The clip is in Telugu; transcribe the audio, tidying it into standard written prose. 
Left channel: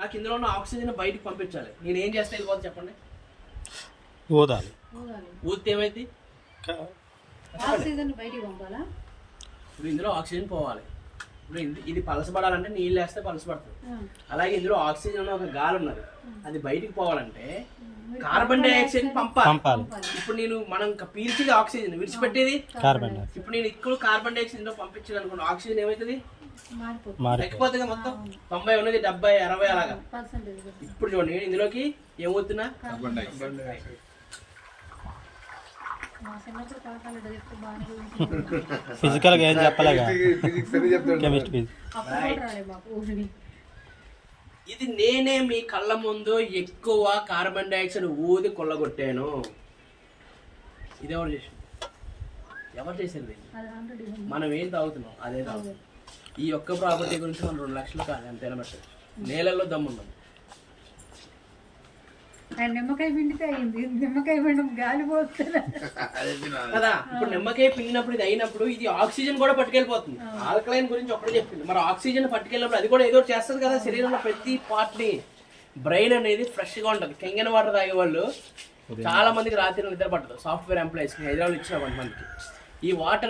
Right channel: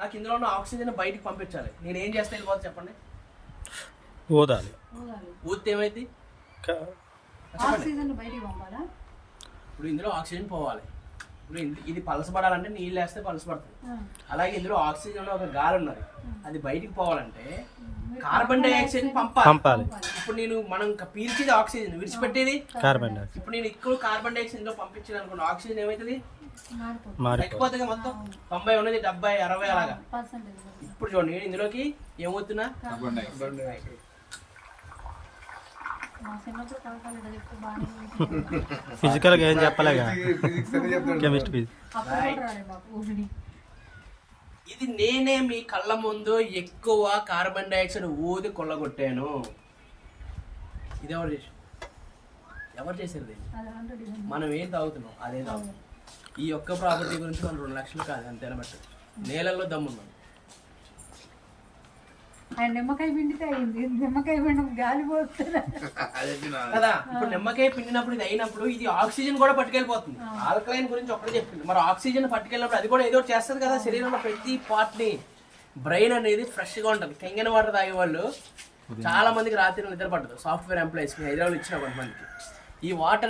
నాకు ఇందులో ఉన్న ఆక్సిజన్ బయటకు పంపించాలి. నేను ఏం చేస్తే వెళ్ళిపోతుంది చెప్పండి? ఊదాలి. ఊదితే ఏమైంది? ఆక్సిజన్ బయటికి పంపాలా? ఇప్పుడు ఇందులో ఆక్సిజన్ పోవాలి. ఇప్పుడు ఇది పలసపడాలంటే నీళ్ళు వేస్తే పలసపడుతుంది. అలాగే ఇందులో ఆక్సిజన్ ఒక గాలి ఉన్నది, అది బయటికి పోవాలంటే కార్బన్ డైఆక్సైడ్ పంపాలి. ఇప్పుడు మనం పీల్చేది ఆక్సిజన్, విడిచిపెట్టేది కార్బన్ డైఆక్సైడ్. ఇప్పుడు నేను ఇక్కడ కార్బన్ డైఆక్సైడ్ లో పంపించాను అనుకున్న ఆక్సిజన్ ఏమవుతుంది? ఎక్కిపోతుంది. మొత్తం 90 ఉన్నది 70, 60 అలాగా. ఇప్పుడు చూడండి ఇందులోకి ఏమవుతున్నా ఫిజికల్ గా ఏం చెప్పలేగా, కెమిస్ట్రీ. ఇది నేనే మీ కళ్ళ ముందు ఎక్కువ కార్బన్ డైఆక్సైడ్ ఊది కొల్లగొట్టాను. ఇది ఎవరు చేశారు? మనం ఏం తాగుతున్నాం అదే తాగుతున్నాం. ఈ ఒక్క ప్రాపర్టీ గురించి మనం 2 లక్షలు కాదు అంతేనమాట. నేలల్లో దమ్మున్నాం. నిమ్మకాయ పిండితే అయింది, నిమ్మకాయ పిండి గాలి పోతుంది కదా. ఇప్పుడు నిమ్మకాయ పిండినప్పుడు ఇది అయినప్పుడు ఇది ఆక్సిజన్ కూడా పట్టుకెళ్ళిపోతుంది. ఆల్కలైన్ గురించి ఒకటే చెప్పింది. మరి ఆక్సిజన్ పట్టుకెళ్ళినప్పుడు అది కూడా ఏదో చేస్తుంది కదా శరీరంలో ప్రతి పార్ట్ ని. బ్రెయిన్ అనేది ఫ్రెష్ గా ఉంటుంది. కెంగన వాటర్ తాగే వాళ్ళు చాలా మందికి రాత్రి నిద్ర పట్టదు. సాఫ్ట్వేర్ ఎంప్లాయీస్ కి హైదరాబాద్ ఇచ్చిన 1 మంత్కి ఈ వాటర్